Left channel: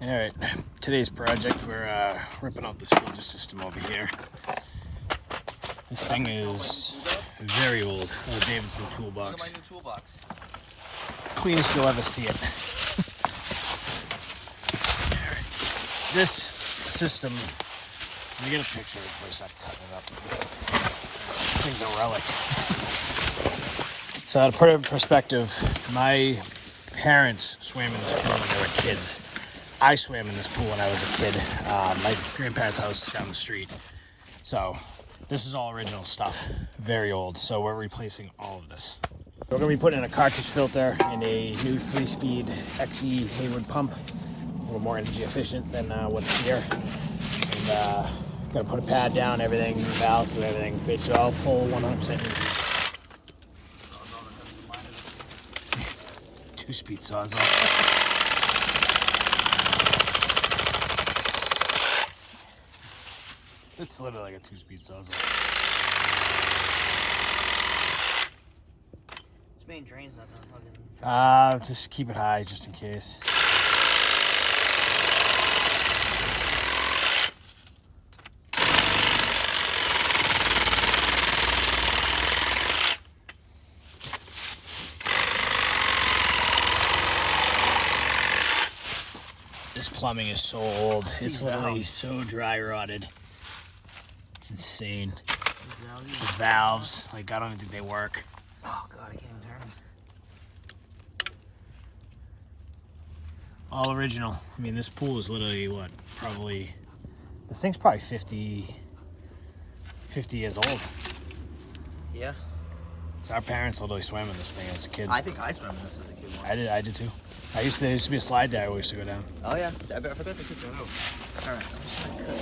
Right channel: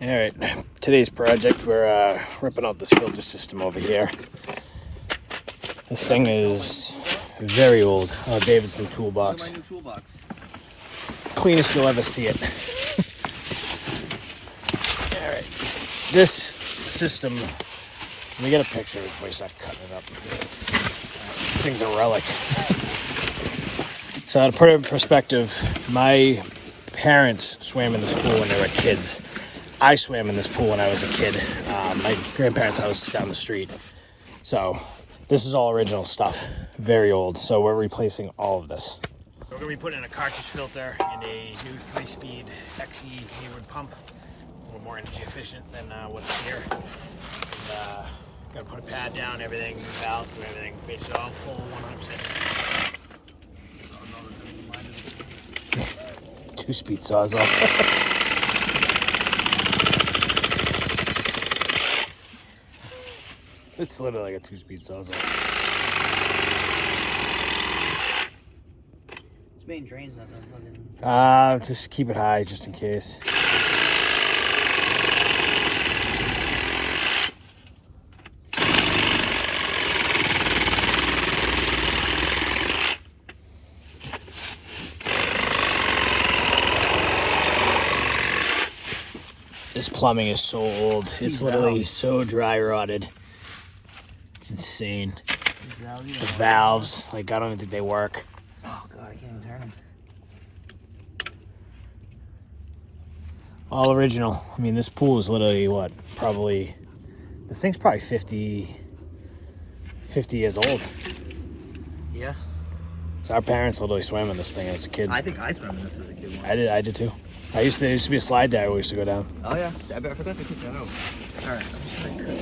All right, today's project, we're ripping out this filter system over here. This thing is very old. Oh, David's new toolbox. Look at my new toolbox. Cleanest you'll ever see it. All right, this system, let me get a picture before I start cutting it up. This thing's a relic. So to put it in perspective, my parents swam in this pool when they were kids. I swam in this pool when I was a kid. My grandparents' house is down the street. So this is all original stuff, very old. So we're replacing all of this. We're gonna be putting in a cartridge filter and a new 3-speed XE Hayward pump. A little more energy efficient than what's here. And gotta put a pad down, everything, new valves, do everything. Basically all full 100%. 2-speed sawzall. It's literally like a 2-speed sawzall. This main drain's not fucking... Just keep it high just in case. This plumbing is so old. It's literally so dry rotted. It's insane. The valves, like I don't even think they work. Oh god, I can't even turn them. All original. I mean, this pool is literally what? Probably, this thing's probably 50 years old. Yeah. So our parents literally swam in this thing as a kid. I think I swam in this as a kid once. I did too. There used to be a slide there I used to go down. Oh yeah, I forgot to kick that out. Alright, I'm just gonna cut.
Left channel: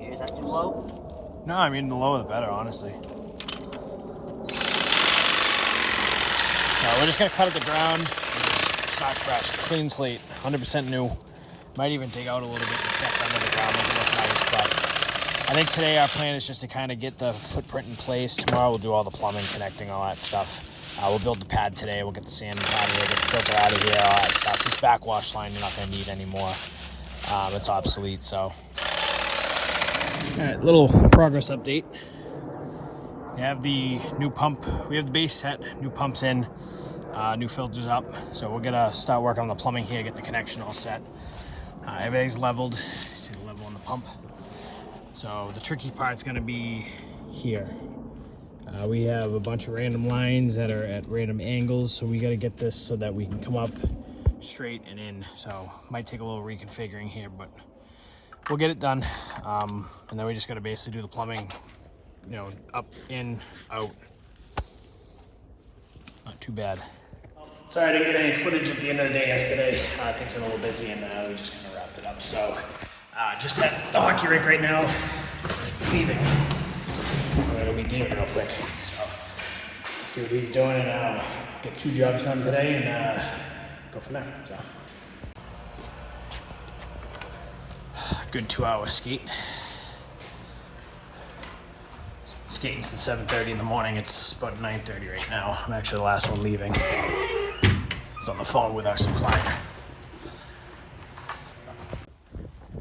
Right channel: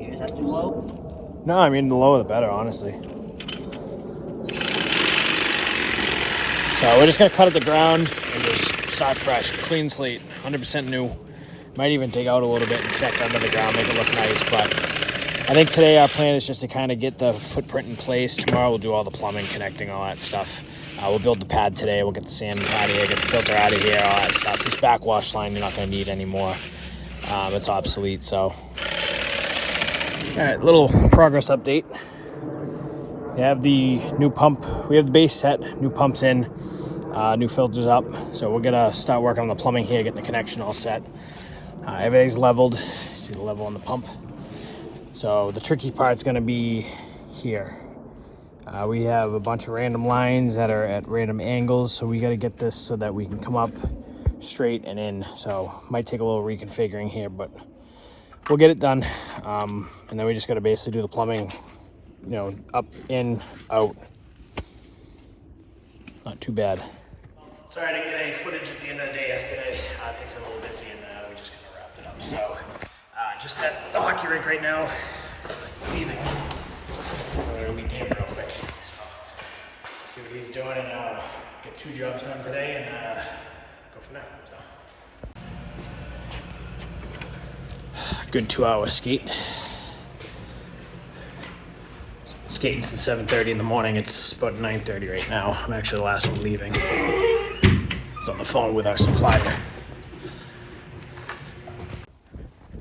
Yeah, is that too low? No, I mean the lower the better, honestly. So we're just gonna cut at the ground and just start fresh, clean slate, 100% new. Might even dig out a little bit and check under the ground, make it look nice. But I think today our plan is just to kind of get the footprint in place. Tomorrow we'll do all the plumbing, connecting, all that stuff. We'll build the pad today. We'll get the sand out of here, get the filter out of here, all that stuff. This backwash line you're not going to need anymore. It's obsolete, so. All right, little progress update. We have the new pump. We have the base set, new pumps in, new filters up. So we're going to start working on the plumbing here, get the connection all set. Everything's leveled. See the level on the pump. So the tricky part's going to be here. We have a bunch of random lines that are at random angles, so we got to get this so that we can come up straight and in. So might take a little reconfiguring here, but we'll get it done. And then we just got to basically do the plumbing, you know, up, in, out. Not too bad. Sorry I didn't get any footage at the end of the day yesterday. Things are a little busy, and we just kind of wrapped it up. So just at the hockey rink right now, leaving. We're gonna meet David real quick, so let's see what he's doing and get 2 jobs done today and go from there. So good 2-hour skate. Skating since 7:30 in the morning. It's about 9:30 right now. I'm actually the last one leaving. It's on the phone with our supplier.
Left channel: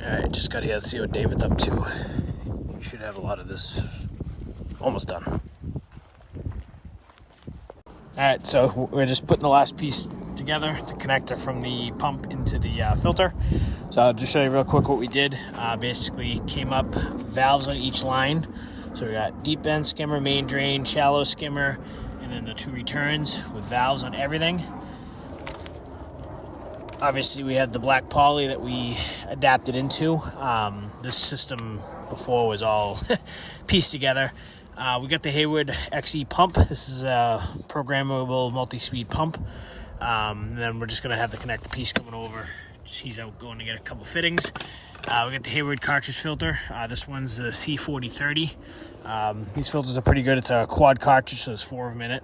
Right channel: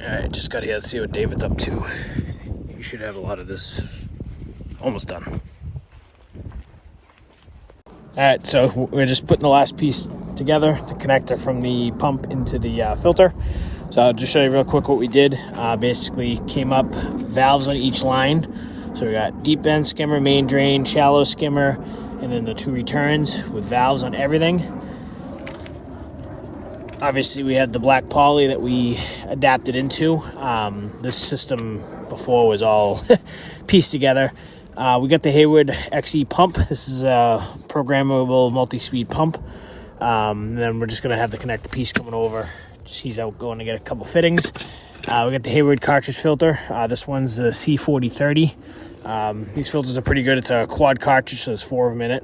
All right, just got here. Let's see what David's up to. You should have a lot of this. Almost done. All right, so we're just putting the last piece together, the connector from the pump into the filter. So I'll just show you real quick what we did. Basically came up valves on each line. So we got deep end skimmer, main drain, shallow skimmer, and then the 2 returns with valves on everything. Obviously we had the black poly that we adapted into. This system before was all pieced together. We got the Hayward XE pump. This is a programmable multi-speed pump. Then we're just gonna have the connector piece coming over. He's out going to get a couple fittings. We got the Hayward cartridge filter. This one's the C4030. These filters are pretty good. It's a quad cartridge, so there's 4 of them in it.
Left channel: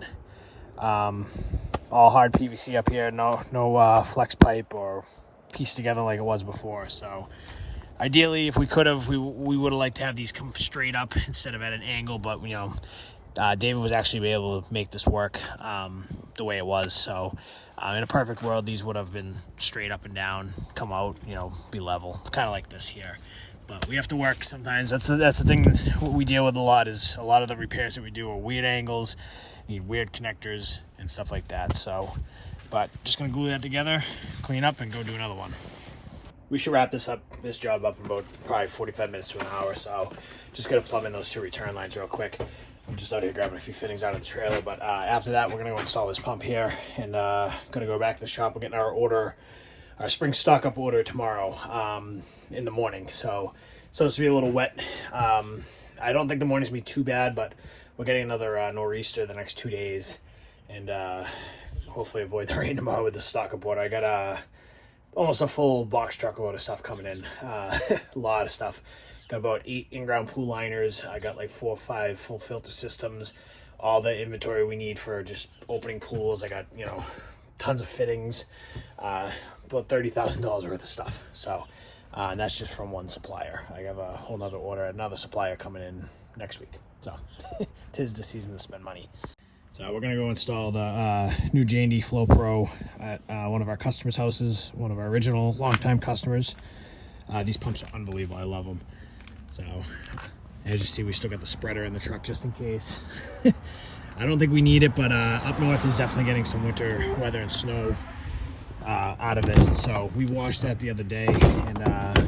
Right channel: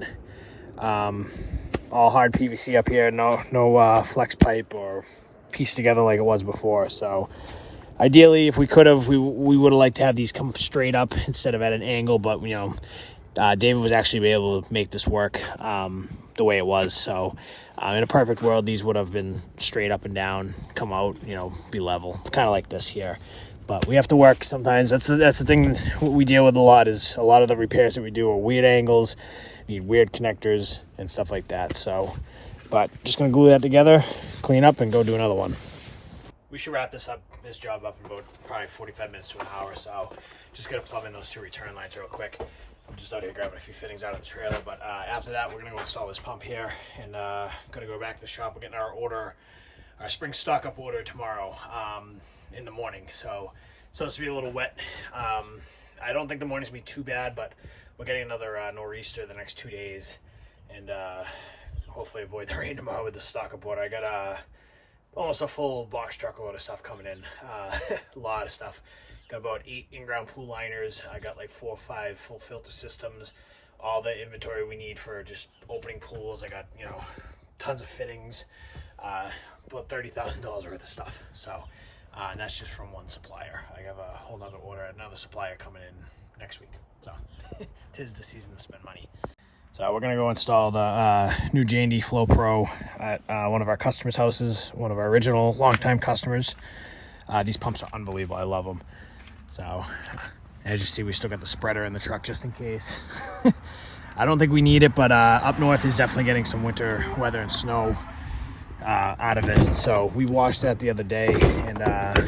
All hard PVC up here, no flex pipe or pieced together like it was before. So ideally, if we could have, we would have liked to have these come straight up instead of at an angle, but you know, David was actually able to make this work. the way it was. So in a perfect world, these would have been straight up and down, come out, you know, be level, kind of like this here. But we have to work sometimes. That's the thing what we deal with a lot, is a lot of the repairs that we do are weird angles, need weird connectors and stuff like that. So, but just gonna glue that together, clean up, and go do another one. We should wrap this job up in about probably 45 minutes to an hour. So just gonna plumb in those 2 return lines real quick. I'm just out here grabbing a few fittings out of the trailer, but after that we're gonna go install this pump here, and gonna go back to the shop. We're getting our spring stock up order tomorrow in the morning. So it's supposed to be a little wet. I don't think the morning's gonna be too bad, but we're getting another nor'easter the next 2 days, and hopefully avoid the rain tomorrow with the stock up order. I got almost a full box truckload of stuff coming in. A lot of stuff. Got about 8 in-ground pool liners. I got like 4 or 5 full filter systems. All the inventory we need for just opening pools. I got, you know, tons of fittings. About $30,000 worth of stuff. So, and that's just from one supplier. I have a whole nother order, another supplier coming in next week. So, 'tis the season to spend money. So we're gonna go install the new J&D Flow Pro at one of our customers' houses, one of our original longtime customers. These pumps are unbelievable. I love them. So as you see, we still got the spreader in the truck just in case. I don't think we need it, but up north is definitely getting some winter weather and snow out of this. So we washed that the other day, and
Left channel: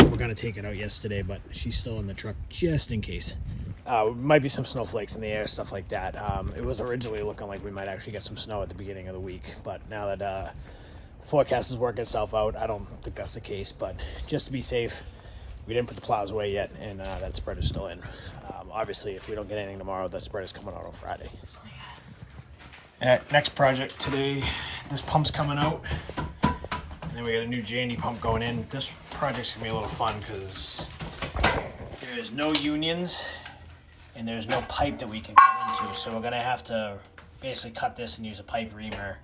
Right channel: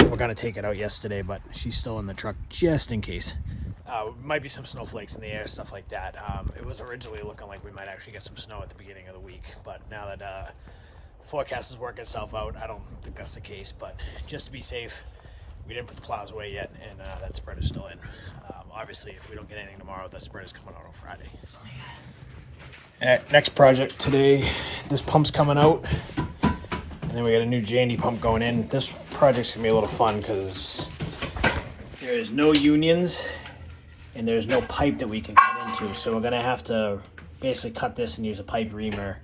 we're gonna take it out yesterday, but she's still in the truck just in case. Might be some snowflakes in the air, stuff like that. It was originally looking like we might actually get some snow at the beginning of the week, but now that the forecast is working itself out, I don't think that's the case. But just to be safe, we didn't put the plows away yet, and that spreader's still in. Obviously, if we don't get anything tomorrow, that spreader's coming out on Friday. Next project today, this pump's coming out, and then we got a new J&D pump going in. This project's gonna be a little fun because there's no unions and there's no pipe that we can cut into, so we're gonna have to basically cut this and use a pipe reamer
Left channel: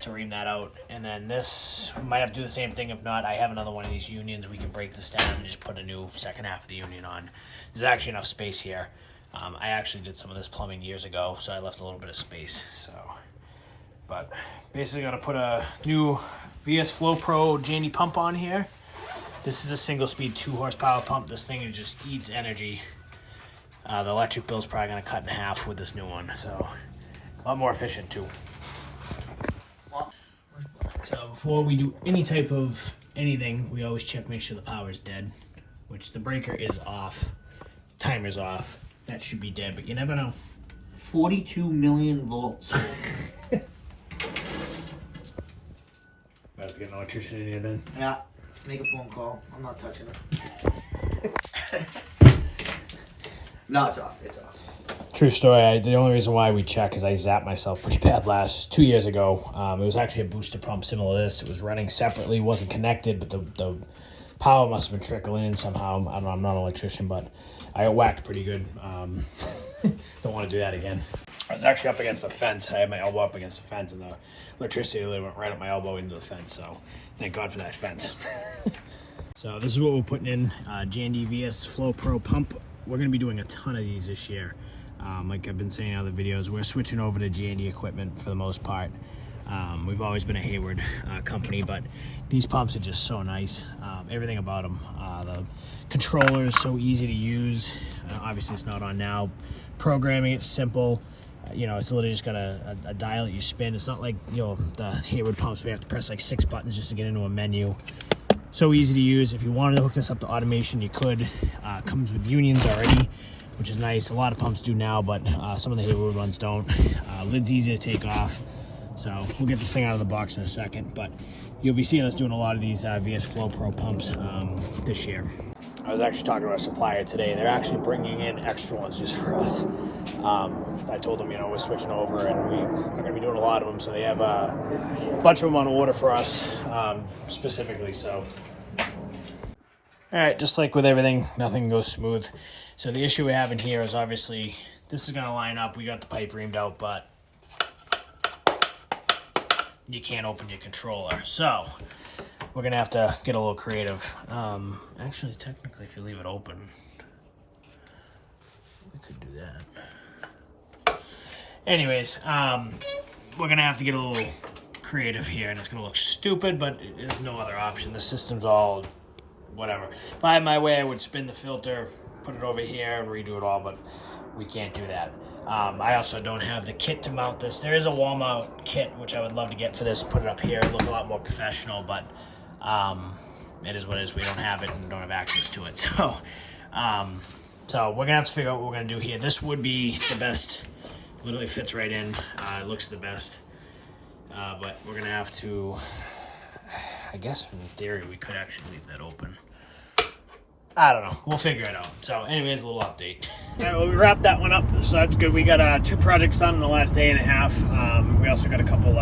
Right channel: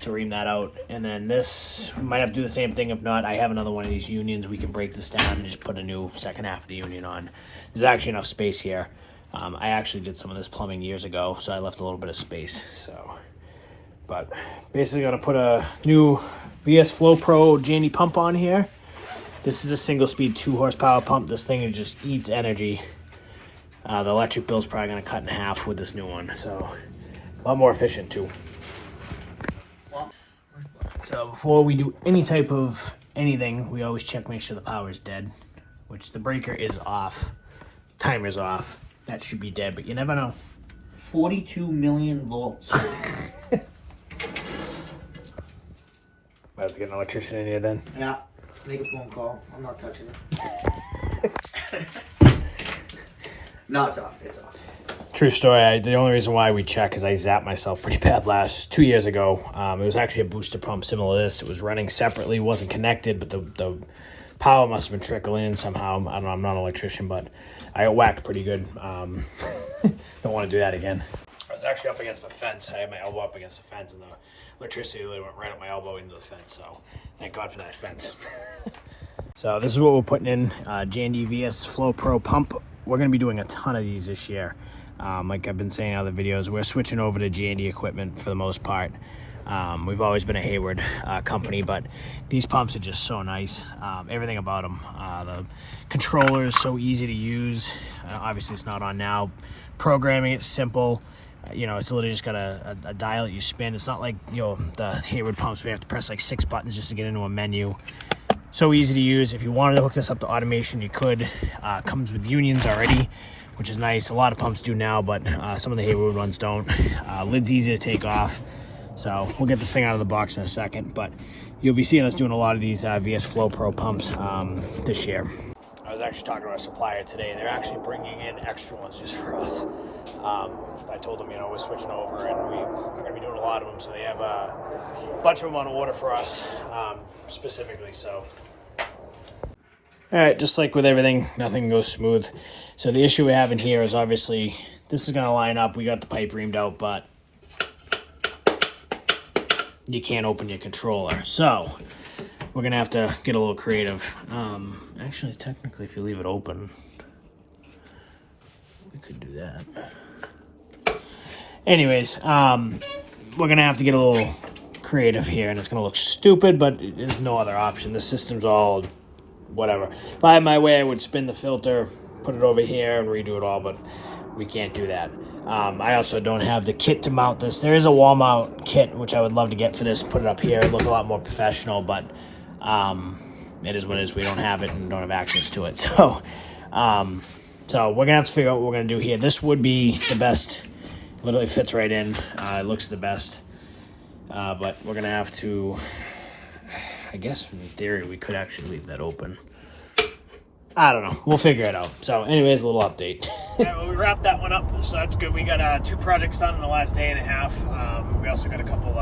to ream that out. And then this, we might have to do the same thing. If not, I have another one of these unions. We can break this down and just put a new second half of the union on. There's actually enough space here. I actually did some of this plumbing years ago, so I left a little bit of space. So, but basically gonna put a new VS Flow Pro J&D pump on here. This is a single speed 2 horsepower pump. This thing just eats energy. The electric bill's probably gonna cut in half with this new one, so a lot more efficient too. So before we do any type of anything, we always check, make sure the power is dead, which the breaker is off, timer's off. That should be dead, but you never know. 42 million volts. Might have to get an electrician in here then. Yeah, make a phone call. I'm not touching it. No, it's off. It's off. True story. The only reason why we check is I zapped myself pretty bad 2 years ago. It was actually a booster pump similar to this. It was running separately, wasn't connected, but the power must have been trickling in somehow. I don't know. I'm not an electrician, but I got whacked pretty good. Don't want to do that again. I was actually up against the fence. I had my elbow up against the fence, and the electricity literally went right up my elbow into the fence. So thank God for that fence. So this is what we're putting in, J&D VS Flow Pro pump. We're going to be doing a ton of these this year. Like I've been saying in other videos, we're switching over to J&D equipment for the most part. We've always been a Hayward company, but these pumps are just so nice. Everything about them. The controller is so easy to use. Obviously it's not on now. Programming it's simple. You know, it's literally just got a dial that you spin. It's not like, you know, the Hayward pumps, we have to press like 6 buttons just to get into a menu. So easy to use. If you wanted to hook this up to automation, you could. Comes with unions already, which is nice. A lot of pumps do now, but some of the Hayward ones don't. Lid's easy to take off. So we'll get this thing out of the box in a second, but you'll be seeing us doing a lot of these VS Flow Pro pumps this year. I was actually talking to a supplier today. They're actually bringing in extra ones just for us. I told them, you know, we're switching over and we're going to be doing a lot of them. So they have a bunch of them on order for us specifically. So, all right, just like with everything, nothing goes smooth. So the issue we're having here is obviously this is going to line up. We got the pipe reamed out, but you can't open your controller. So we're going to have to get a little creative. Actually, technically, if you leave it open, we could do that. Anyways, we're gonna have to get a little creative here, and it's gonna look stupid, but there's no other option. The system's all whatever. If I had my way, I would spin the filter, put it over here, and redo it all, but we can't do that. I also don't have the kit to mount this. There is a wall mount kit, which I would love to get for this, put it up here, look a lot more professional, but it is what it is. We don't have it and don't have access to it. So we're gonna have to figure out what we're gonna do here. This would be the best. Literally fits right in. It looks the best. But we're gonna have to, I guess in theory, we could actually leave that open. I don't know. We'll figure it out. So anyways, a little update. All right, well, we wrapped that one up, so that's good. We got 2 projects done in the last day and a half. We also got a couple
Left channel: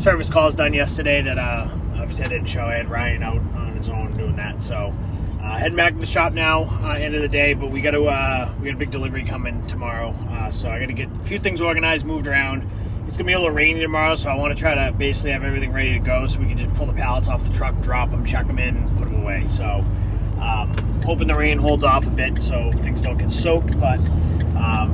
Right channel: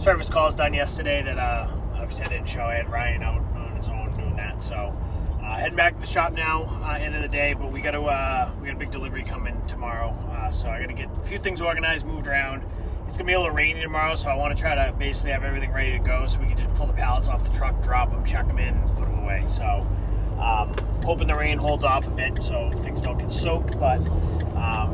service calls done yesterday that obviously I didn't show. I had Ryan out on his own doing that. So heading back to the shop now, end of the day, but we got a big delivery coming tomorrow. So I got to get a few things organized, moved around. It's gonna be a little rainy tomorrow, so I want to try to basically have everything ready to go so we can just pull the pallets off the truck, drop them, check them in, and put them away. So hoping the rain holds off a bit so things don't get soaked, but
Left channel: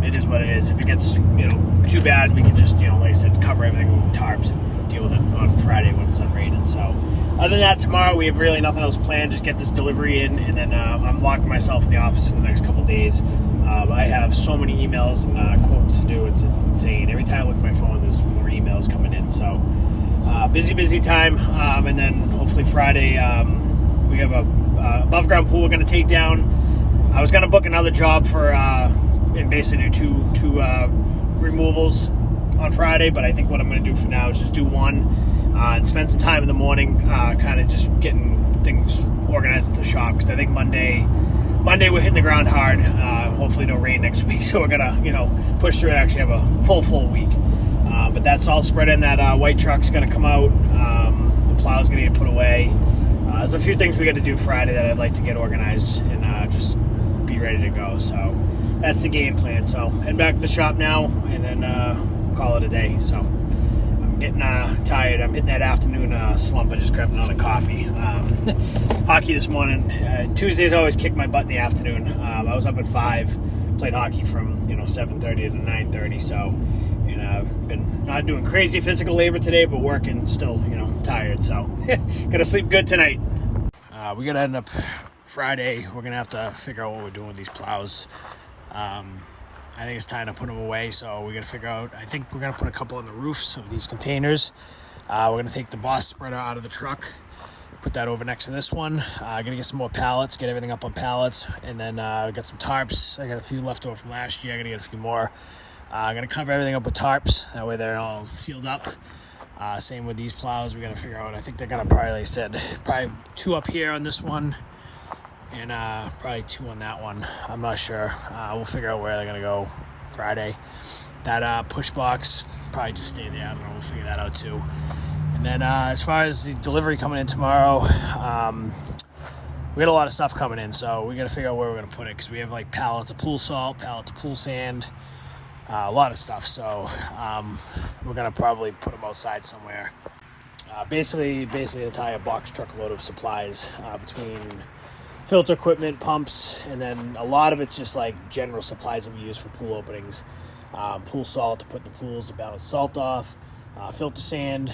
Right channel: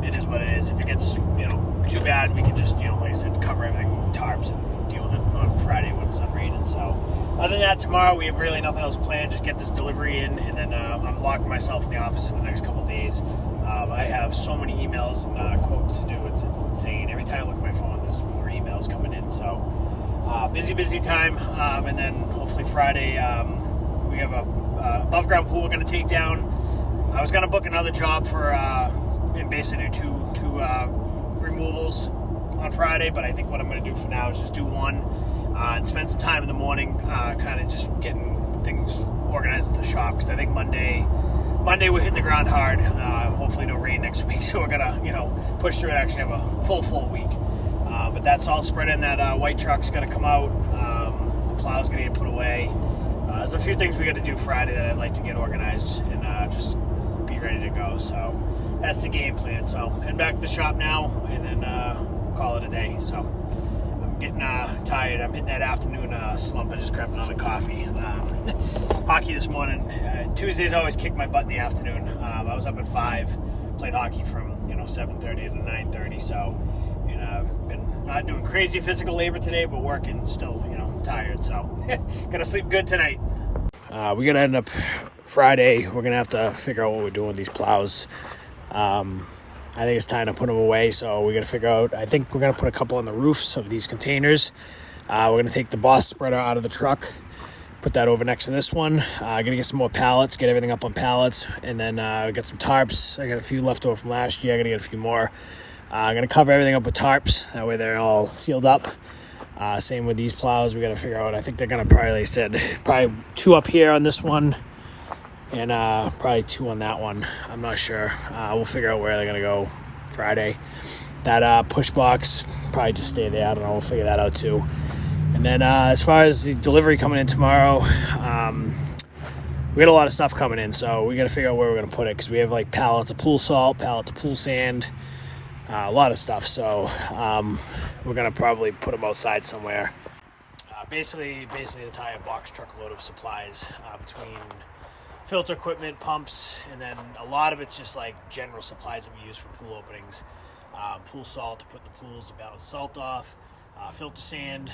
it is what it is. If it gets too bad, we can just like I said, cover everything with tarps and deal with it on Friday when it's not raining. So other than that, tomorrow we have really nothing else planned. Just get this delivery in, and then I'm locking myself in the office for the next couple of days. I have so many emails and quotes to do. It's insane. Every time I look at my phone, there's more emails coming in. So busy time. And then hopefully Friday we have a above ground pool we're going to take down. I was going to book another job for and basically do two removals on Friday, but I think what I'm going to do for now is just do one and spend some time in the morning kind of just getting things organized at the shop, because I think Monday we're hitting the ground hard. Hopefully no rain next week, so we're gonna push through and actually have a full week. But that's all spread in. That white truck's gonna come out. The plow's gonna get put away. There's a few things we got to do Friday that I'd like to get organized and just be ready to go. So that's the game plan. So head back to the shop now and then call it a day. So I'm getting tired. I'm hitting that afternoon slump. I just grabbed another coffee. Hockey this morning. Tuesdays I always kick my butt in the afternoon. I was up at 5, played hockey from 7:30 to 9:30. So I've been not doing crazy physical labor today, but working still. Tired. So gotta sleep good tonight. We gotta end up Friday. We're gonna have to figure out what we're doing with these plows. I think it's time to put them away. So we gotta figure out. I think we're gonna put a couple on the roofs of these containers. We're gonna take the boss spreader out of the truck, put that over next to this one. Gonna get some more pallets, get everything up on pallets, and then get some tarps. I got a few left over from last year. I gotta get a few more. I'm gonna cover everything up with tarps. That way they're all sealed up. Same with these plows. We gotta figure out. I think they're gonna probably 2 up here on this one, and probably 2 on that one. I'm not sure. We'll figure out where they're gonna go Friday. That push box probably just stay there. I don't know. We'll figure that out too. And then as far as the delivery coming in tomorrow, we got a lot of stuff coming in, so we got to figure out where we're going to put it, because we have like pallets of pool salt, pallets of pool sand, a lot of stuff. So we're going to probably put them outside somewhere. Basically the entire box truckload of supplies between filter equipment, pumps, and then a lot of it's just like general supplies that we use for pool openings. Pool salt to put in the pools to balance salt off. Filter sand,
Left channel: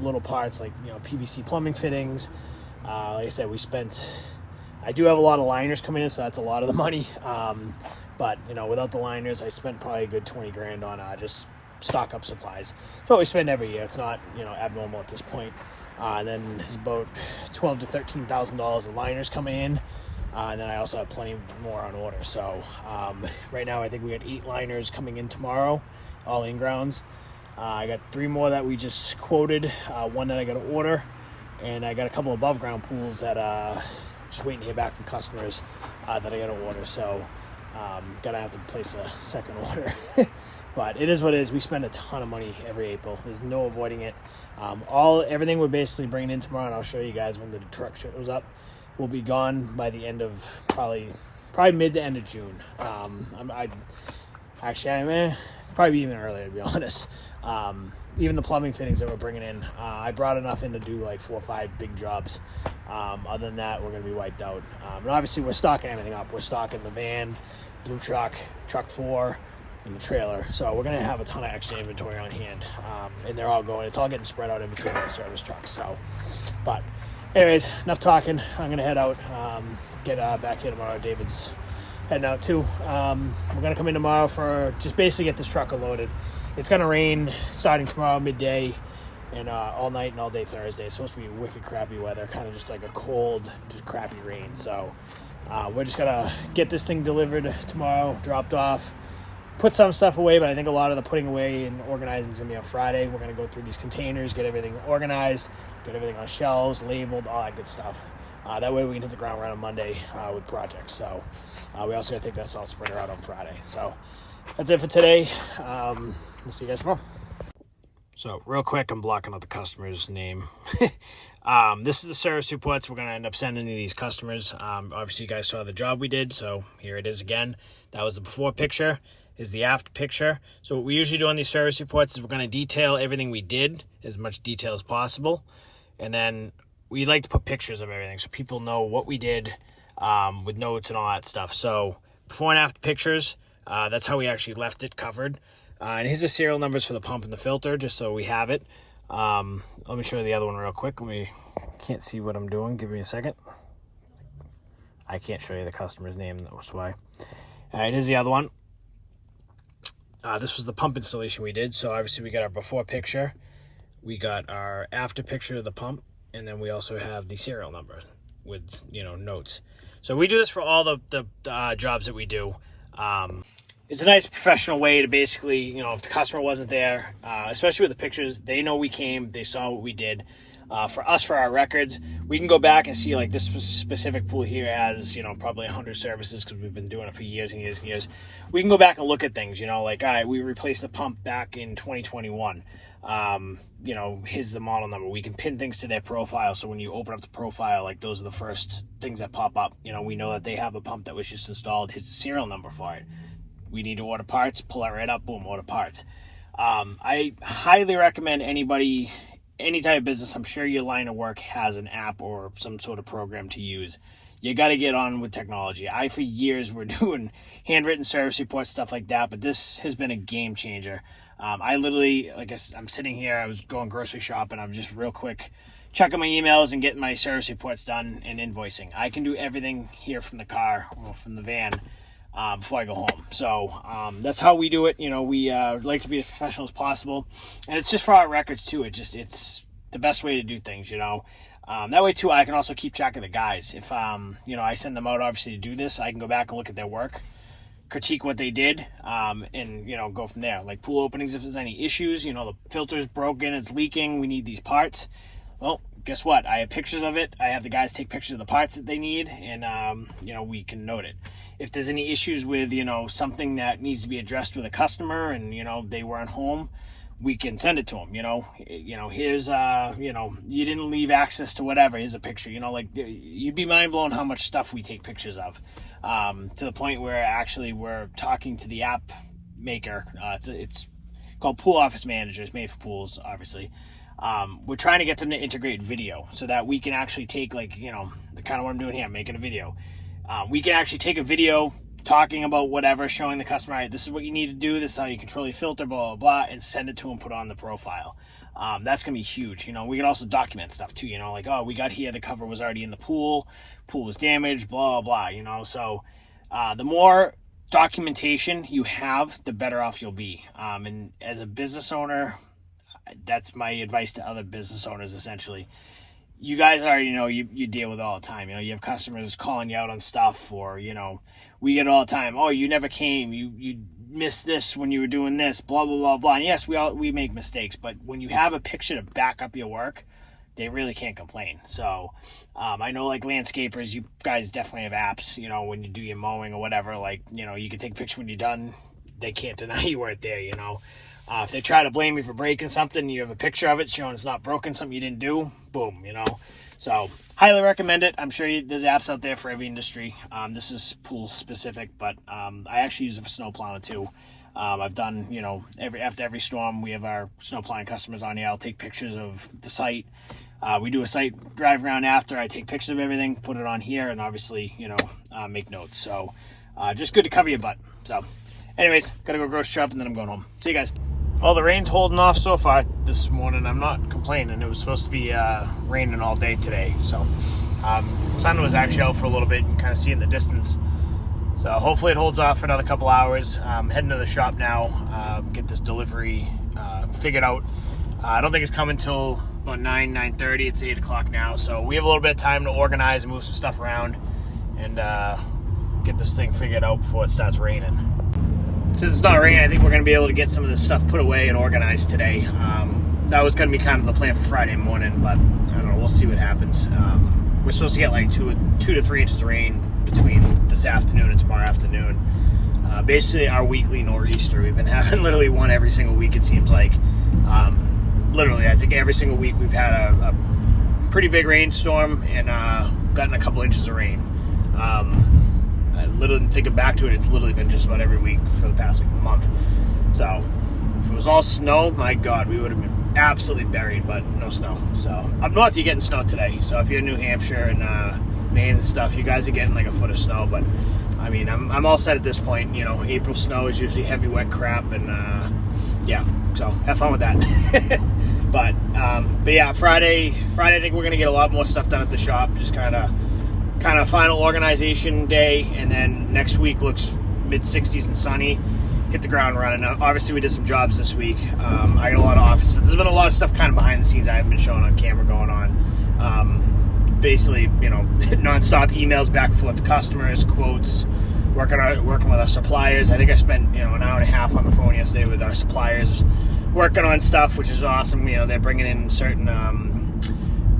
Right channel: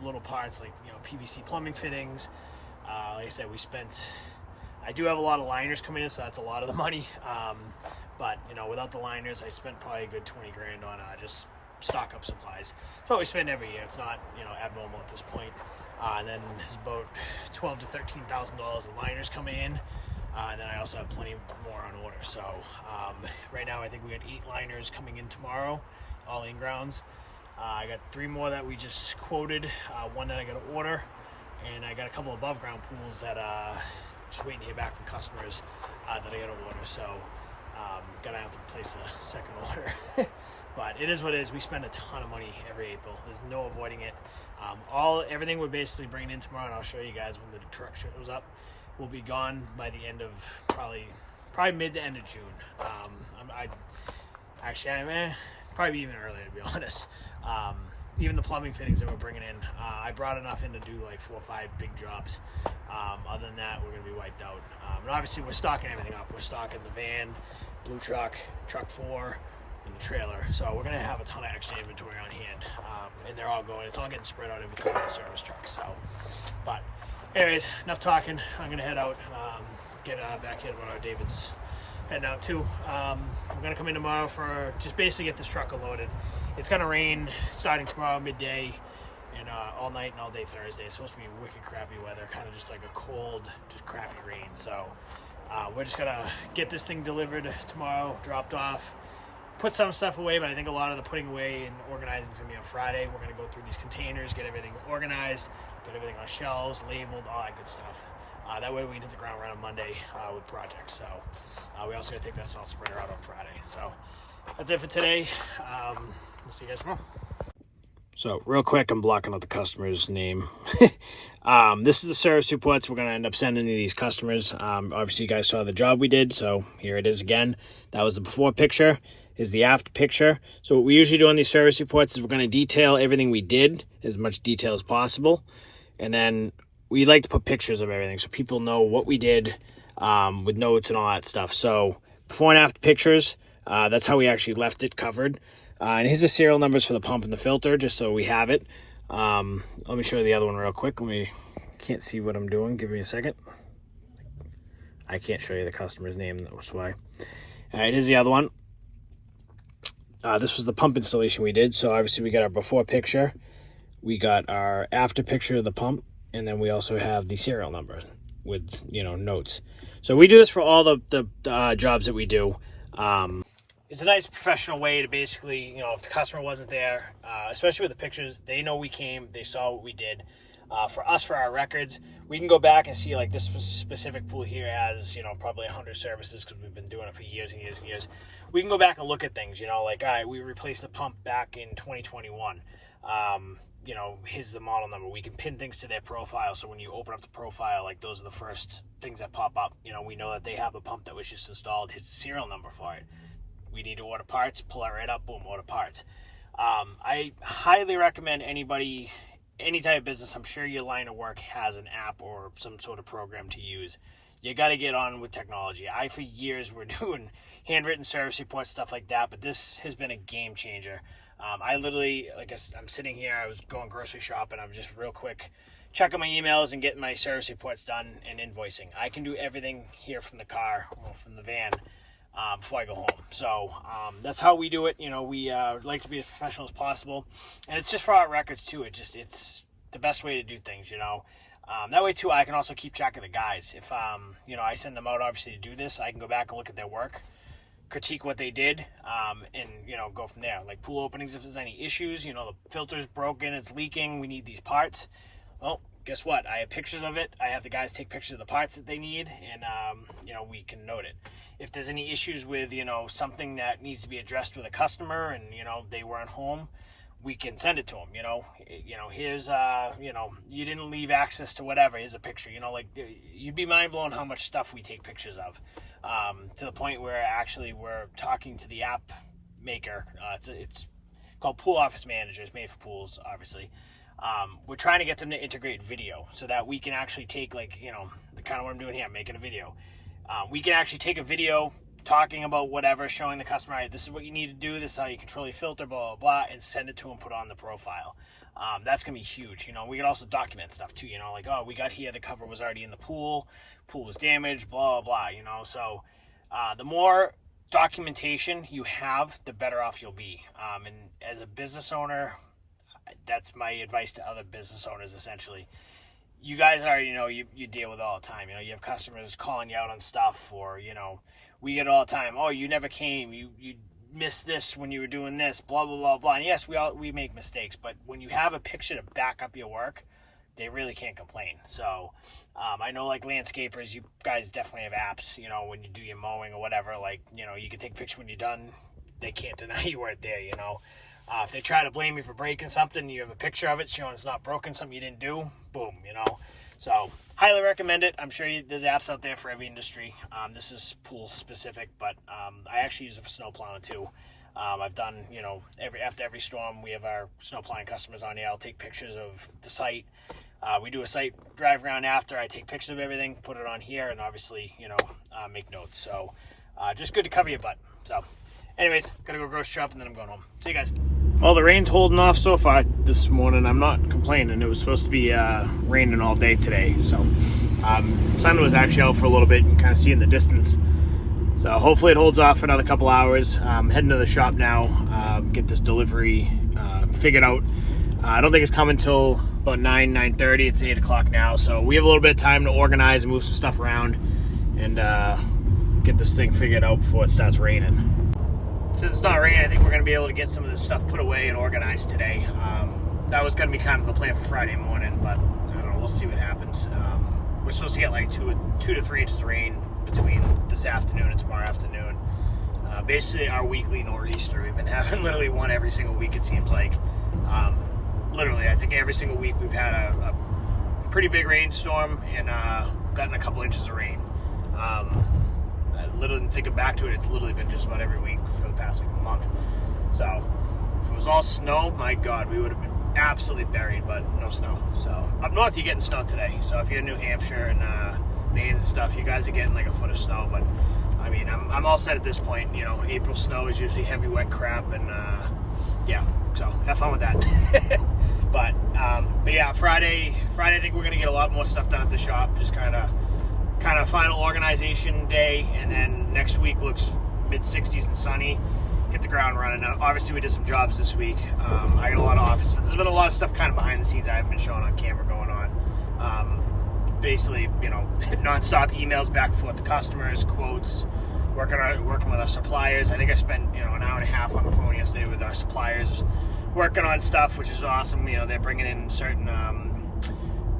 little parts like PVC plumbing fittings. Like I said, I do have a lot of liners coming in, so that's a lot of the money. But without the liners, I spent probably a good 20 grand on just stock up supplies. It's what we spend every year. It's not abnormal at this point. And then there's about $12,000 to $13,000 of liners coming in. And then I also have plenty more on order. So right now I think we got 8 liners coming in tomorrow, all in grounds. I got 3 more that we just quoted, 1 that I got to order, and I got a couple above ground pools that just waiting to hear back from customers that I got to order. So gonna have to place a second order. But it is what it is. We spend a ton of money every April. There's no avoiding it. Everything we're basically bringing in tomorrow, and I'll show you guys when the truck shows up, will be gone by the end of probably mid to end of June. Probably even earlier, to be honest. Even the plumbing fittings that we're bringing in, I brought enough in to do like 4 or 5 big jobs. Other than that, we're going to be wiped out. And obviously, we're stocking everything up. We're stocking the van, blue truck, truck 4, in the trailer. So we're going to have a ton of extra inventory on hand. And they're all going, it's all getting spread out in between the service trucks. So, but anyways, enough talking. I'm going to head out, get back here tomorrow. David's heading out too. We're going to come in tomorrow for just basically get this truck unloaded. It's going to rain starting tomorrow midday and all night and all day Thursday. It's supposed to be wicked crappy weather, kind of just like a cold, just crappy rain. So we're just going to get this thing delivered tomorrow, dropped off, put some stuff away, but I think a lot of the putting away and organizing is going to be on Friday. We're going to go through these containers, get everything organized, get everything on shelves, labeled, all that good stuff. That way we can hit the ground right on Monday with projects. So we also got to take that salt spreader out on Friday. So that's it for today. We'll see you guys tomorrow. So real quick, I'm blocking out the customer's name. This is the service reports we're going to end up sending to these customers. Obviously, you guys saw the job we did, so here it is again. That was the before picture. Is the after picture. So what we usually do on these service reports is we're going to detail everything we did, as much detail as possible. And then we like to put pictures of everything so people know what we did with notes and all that stuff. So before and after pictures, that's how we actually left it covered. And here's the serial numbers for the pump and the filter, just so we have it. Let me show you the other one real quick. Can't see what I'm doing. Give me a second. I can't show you the customer's name, that's why. All right, here's the other one. This was the pump installation we did. So obviously we got our before picture. We got our after picture of the pump. And then we also have the serial number with, notes. So we do this for all the jobs that we do. It's a nice professional way to basically, if the customer wasn't there, especially with the pictures, they know we came, they saw what we did. For us, for our records, we can go back and see like this specific pool here has, probably 100 services because we've been doing it for years and years and years. We can go back and look at things, like, all right, we replaced the pump back in 2021. Here's the model number. We can pin things to their profile. So when you open up the profile, like those are the first things that pop up. We know that they have a pump that was just installed. Here's the serial number for it. We need to order parts, pull that right up, boom, order parts. I highly recommend anybody, any type of business, I'm sure your line of work has an app or some sort of program to use. You got to get on with technology. For years, were doing handwritten service reports, stuff like that, but this has been a game changer. I literally, I'm sitting here, I was going grocery shopping, I'm just real quick checking my emails and getting my service reports done and invoicing. I can do everything here from the car or from the van before I go home. So that's how we do it. We like to be as professional as possible, and it's just for our records too. It's the best way to do things. That way too, I can also keep track of the guys. If I send them out obviously to do this, I can go back and look at their work, critique what they did, and go from there. Like pool openings, if there's any issues, the filter's broken, it's leaking, we need these parts. Well, guess what? I have pictures of it. I have the guys take pictures of the parts that they need, and we can note it. If there's any issues with something that needs to be addressed with a customer, and they weren't home, we can send it to them. Here's you didn't leave access to whatever. Here's a picture. You'd be mind blown how much stuff we take pictures of, to the point where actually we're talking to the app maker. It's called Pool Office Manager. It's made for pools, obviously. We're trying to get them to integrate video so that we can actually take the kind of what I'm doing here, I'm making a video. We can actually take a video talking about whatever, showing the customer, right, this is what you need to do, this is how you control your filter, blah, blah, blah, and send it to them, put it on the profile. That's going to be huge. We can also document stuff too, like, oh, we got here, the cover was already in the pool was damaged, blah, blah, blah, So the more documentation you have, the better off you'll be. And as a business owner, that's my advice to other business owners, essentially. You guys already know you deal with it all the time. You have customers calling you out on stuff, or, we get it all the time. Oh, you never came. You missed this when you were doing this, blah, blah, blah, blah. And yes, we make mistakes, but when you have a picture to back up your work, they really can't complain. So I know like landscapers, you guys definitely have apps, when you do your mowing or whatever, you can take a picture when you're done. They can't deny you weren't there, If they try to blame you for breaking something, you have a picture of it showing it's not broken, something you didn't do, boom, So highly recommend it. I'm sure there's apps out there for every industry. This is pool specific, but I actually use it for snow plowing too. I've done, after every storm, we have our snow plowing customers on here. I'll take pictures of the site. We do a site drive around after. I take pictures of everything, put it on here, and obviously, make notes. So just good to cover your butt. So Anyways, gotta go grocery shop and then I'm going home. See you guys. Well, the rain's holding off so far this morning. I'm not complaining. It was supposed to be raining all day today. So sun was actually out for a little bit. You can kind of see in the distance. So hopefully it holds off for another couple hours. I'm heading to the shop now, get this delivery figured out. I don't think it's coming till about 9:30. It's 8 o'clock now. So we have a little bit of time to organize and move some stuff around and get this thing figured out before it starts raining. Since it's not raining, I think we're going to be able to get some of this stuff put away and organized today. That was going to be kind of the plan for Friday morning, but I don't know. We'll see what happens. We're supposed to get like 2 to 3 inches of rain between this afternoon and tomorrow afternoon. Basically, our weekly nor'easter. We've been having literally one every single week, it seems like. Literally, I think every single week we've had a pretty big rainstorm and gotten a couple inches of rain. I literally, thinking back to it, it's literally been just about every week for the past like month. So if it was all snow, my God, we would have been absolutely buried, but no snow. So up north, you're getting snow today. So if you're in New Hampshire and Maine and stuff, you guys are getting like a foot of snow. But I mean, I'm all set at this point. You know, April snow is usually heavy, wet crap, and yeah. So have fun with that. but yeah, Friday, I think we're gonna get a lot more stuff done at the shop. Just kind of final organization day, and then next week looks mid-60s and sunny. Hit the ground running. Now, obviously, we did some jobs this week. I got a lot of office stuff. There's been a lot of stuff kind of behind the scenes I haven't been showing on camera going on. Basically, you know, nonstop emails back and forth to customers, quotes, working with our suppliers. I think I spent, you know, an hour and a half on the phone yesterday with our suppliers, working on stuff, which is awesome. You know, they're bringing in certain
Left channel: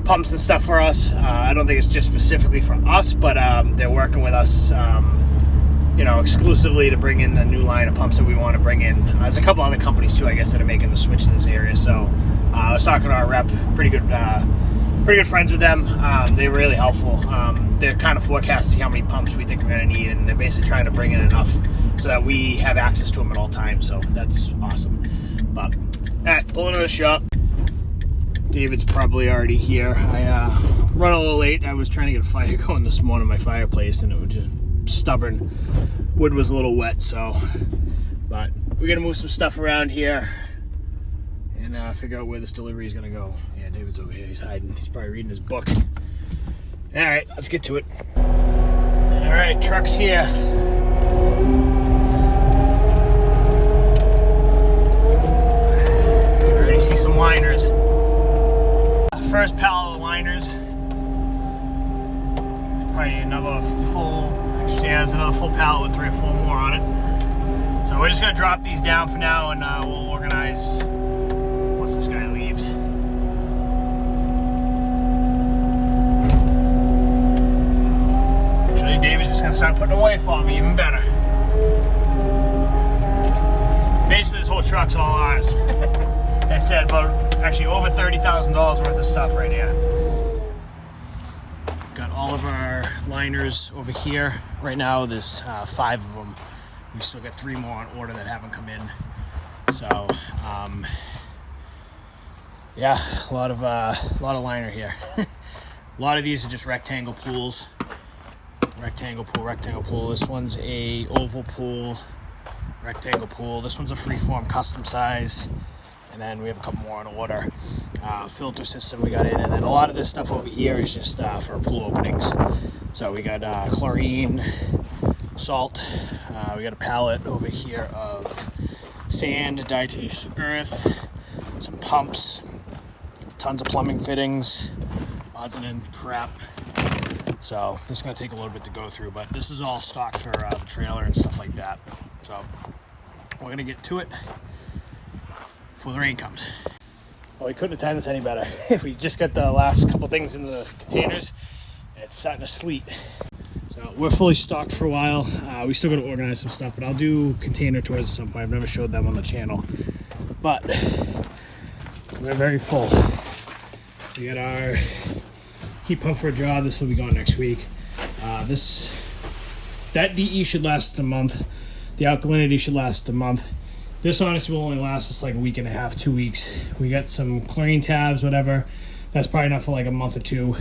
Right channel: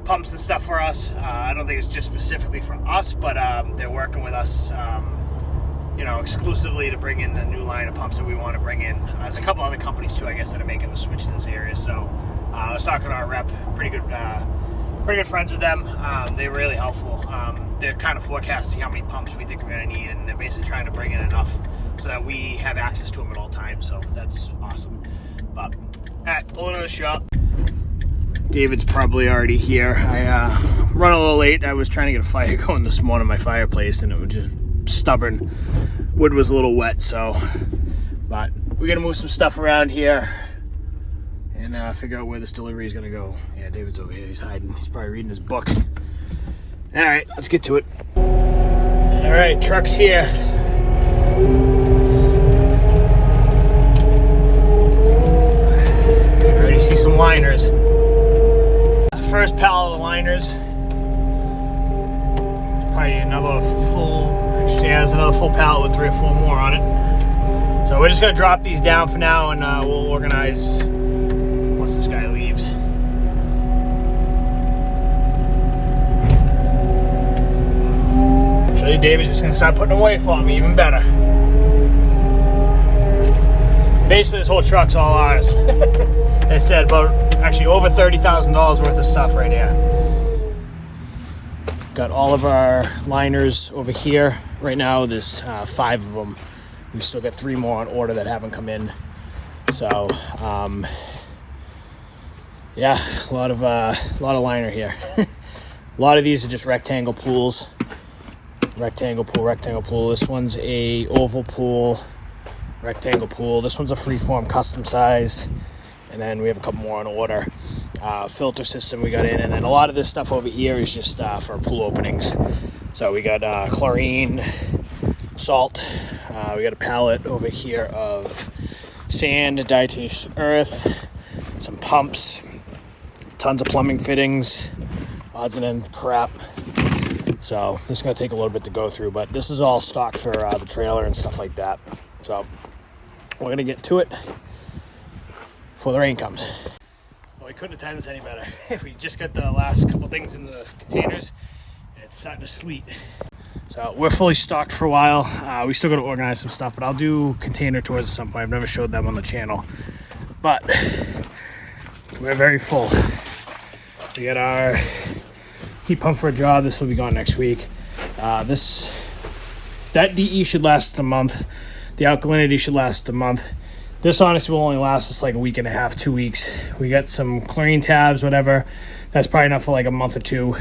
pumps and stuff for us. I don't think it's just specifically for us, but they're working with us, you know, exclusively to bring in the new line of pumps that we want to bring in. There's a couple other companies too, I guess, that are making the switch in this area. So I was talking to our rep, pretty good friends with them. They were really helpful. They're kind of forecasting how many pumps we think we're going to need, and they're basically trying to bring in enough so that we have access to them at all times. So that's awesome. But all right, pulling to the shop. David's probably already here. I run a little late. I was trying to get a fire going this morning, my fireplace, and it was just stubborn. Wood was a little wet, so. But we're gonna move some stuff around here and figure out where this delivery is gonna go. Yeah, David's over here. He's hiding. He's probably reading his book. All right, let's get to it. All right, truck's here. I already see some liners. First pallet of liners. Probably another full, actually has another full pallet with 3 or 4 more on it. So we're just gonna drop these down for now, and we'll organize once this guy leaves. Actually, David's just gonna start putting them away for me, even better. Basically, this whole truck's all ours. They said about actually over $30,000 worth of stuff right here. Got all of our liners over here. Right now there's 5 of them. We still got 3 more on order that haven't come in. So yeah, a lot of liner here. A lot of these are just rectangle pools. Rectangle pool. This one's a oval pool, rectangle pool. This one's a freeform custom size. And then we have a couple more on order. Filter system we got in, and then a lot of this stuff over here is just for pool openings. So we got chlorine, salt. We got a pallet over here of sand, diatomaceous earth, some pumps, tons of plumbing fittings, odds and ends crap. So this is gonna take a little bit to go through, but this is all stock for the trailer and stuff like that. So we're gonna get to it before the rain comes. Well, we couldn't have timed this any better. We just got the last couple things in the containers, and it's starting to sleet. So we're fully stocked for a while. We still got to organize some stuff, but I'll do container tours at some point. I've never showed them on the channel, but we're very full. We got our heat pump for a job. This will be gone next week. That DE should last a month. The alkalinity should last a month. This honestly will only last us like a week and a half, 2 weeks. We got some chlorine tabs, whatever. That's probably enough for like a month or 2.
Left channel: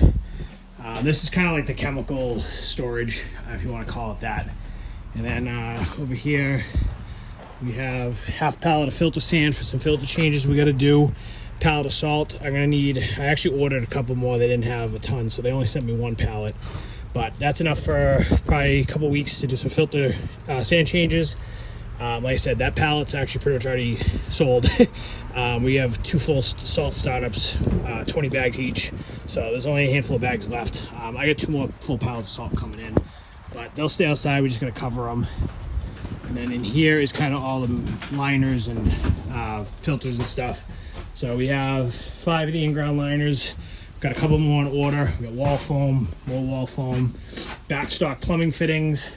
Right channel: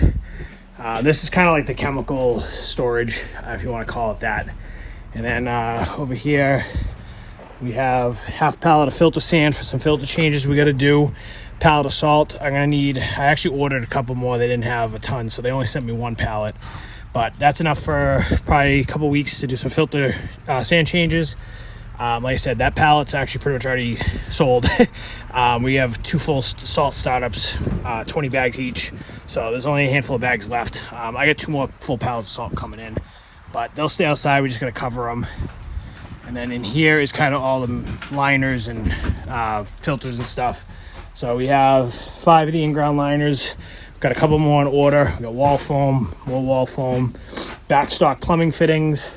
This is kind of like the chemical storage, if you want to call it that. And then over here, We have half pallet of filter sand for some filter changes we got to do. Pallet of salt. I actually ordered a couple more. They didn't have a ton, so they only sent me 1 pallet. But that's enough for probably a couple weeks to do some filter sand changes. Like I said, that pallet's actually pretty much already sold. We have 2 full salt startups, 20 bags each. So there's only a handful of bags left. I got 2 more full pallets of salt coming in, but they'll stay outside. We're just gonna cover them. And then in here is kind of all the liners and filters and stuff. So we have 5 of the in-ground liners. We've got a couple more on order. We got wall foam, more wall foam, backstock plumbing fittings.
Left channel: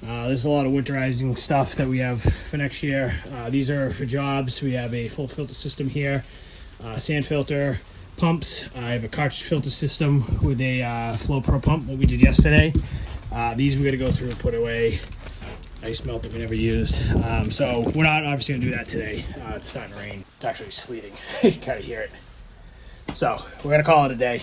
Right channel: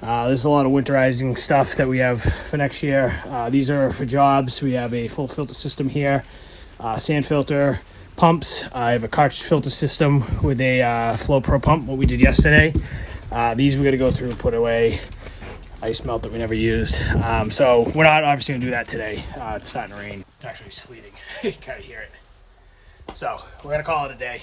There's a lot of winterizing stuff that we have for next year. These are for jobs. We have a full filter system here, sand filter, pumps. I have a cartridge filter system with a Flow Pro pump, what we did yesterday. These we got to go through and put away. Ice melt that we never used. So we're not obviously gonna do that today. It's starting to rain. It's actually sleeting. You can kind of hear it. So we're gonna call it a day.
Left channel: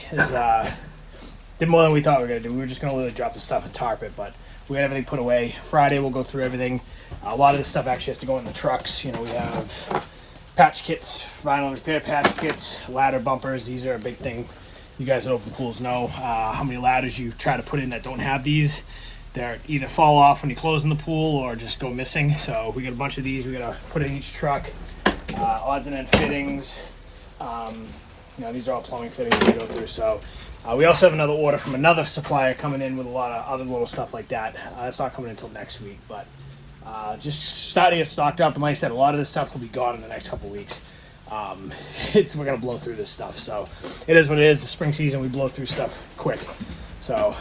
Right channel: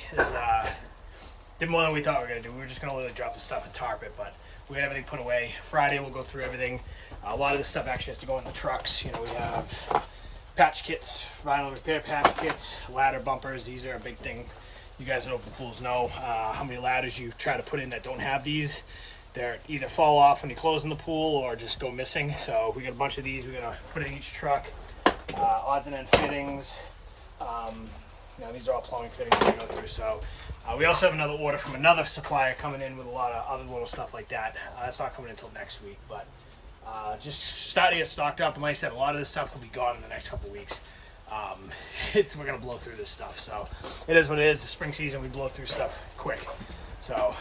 Did more than we thought we were gonna do. We were just gonna literally drop the stuff and tarp it, but we got everything put away. Friday we'll go through everything. A lot of this stuff actually has to go in the trucks. You know, we have patch kits, vinyl repair patch kits, ladder bumpers. These are a big thing. You guys at Open Pools know how many ladders you try to put in that don't have these. They're either fall off when you close in the pool or just go missing. So we got a bunch of these we gotta put in each truck. Odds and end fittings. You know, these are all plumbing fittings we go through. So we also have another order from another supplier coming in with a lot of other little stuff like that. That's not coming until next week, but just starting to get stocked up. And like I said, a lot of this stuff will be gone in the next couple weeks. We're gonna blow through this stuff. So it is what it is. The spring season, we blow through stuff quick. So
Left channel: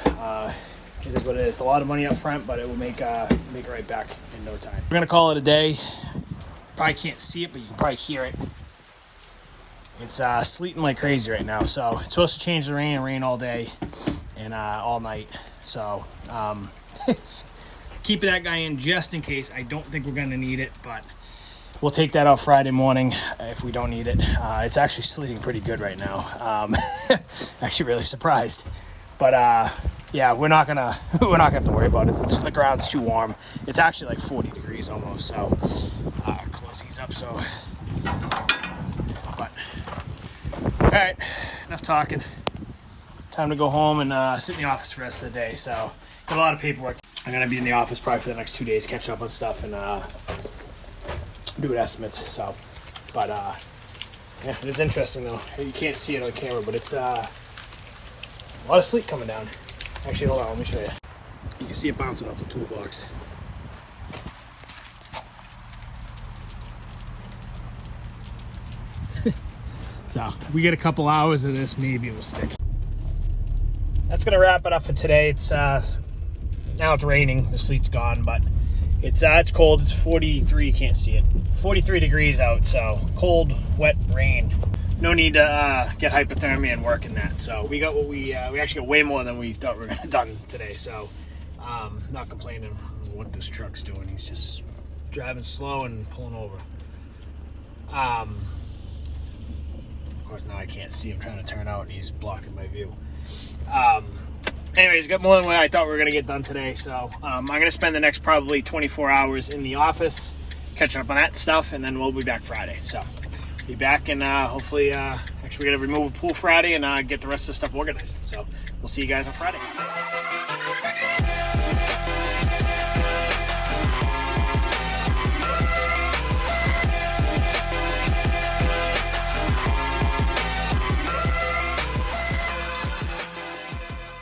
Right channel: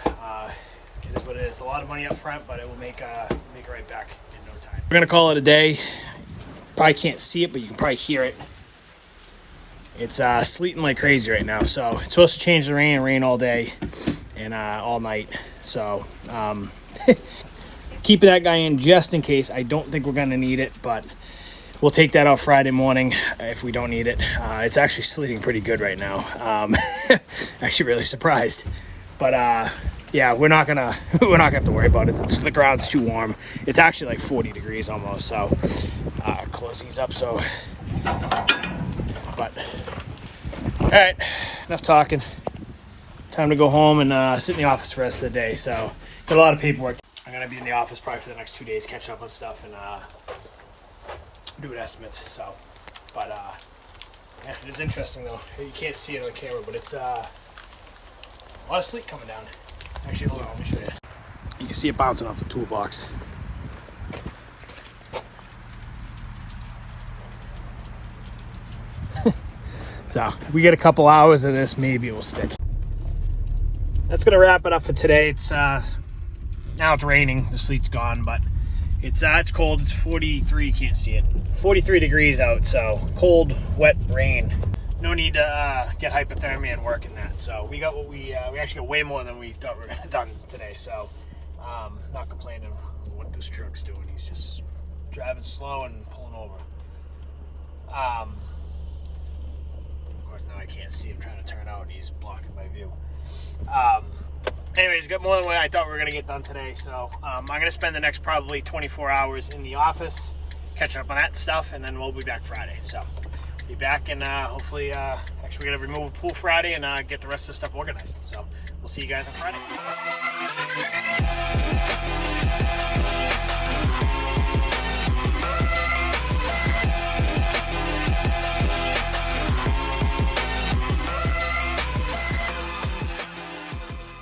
it is what it is. A lot of money up front, but it will make it right back in no time. We're gonna call it a day. Probably can't see it, but you can probably hear it. It's sleeting like crazy right now. So it's supposed to change the rain and rain all day and all night. So keep that guy in just in case. I don't think we're gonna need it, but we'll take that out Friday morning if we don't need it. It's actually sleeting pretty good right now. Actually really surprised, but yeah, we're not gonna have to worry about it. The ground's too warm. It's actually like 40 degrees almost. So close these up. So, but all right, enough talking. Time to go home and sit in the office for the rest of the day. So got a lot of paperwork. I'm gonna be in the office probably for the next 2 days, catching up on stuff and doing estimates. So, but yeah, it is interesting though. You can't see it on camera, but it's a lot of sleet coming down. Actually, hold on, let me show you. You can see it bouncing off the toolbox. So we get a couple hours of this, maybe it will stick. That's gonna wrap it up for today. It's now it's raining, the sleet's gone, but it's cold. It's 43, you can't see it. 43 degrees out, so cold, wet rain. No need to get hypothermia and work in that. So we got what we actually got way more than we thought we were gonna done today. So not complaining on what this truck's doing. He's just driving slow and pulling over. Of course now I can't see him trying to turn out and he's blocking my view. Anyways, got more than what I thought we were gonna get done today. So I'm gonna spend the next probably 24 hours in the office catching up on that stuff, and then we'll be back Friday. So be back and hopefully actually we're gonna remove a pool Friday and get the rest of the stuff organized. So we'll see you guys on Friday.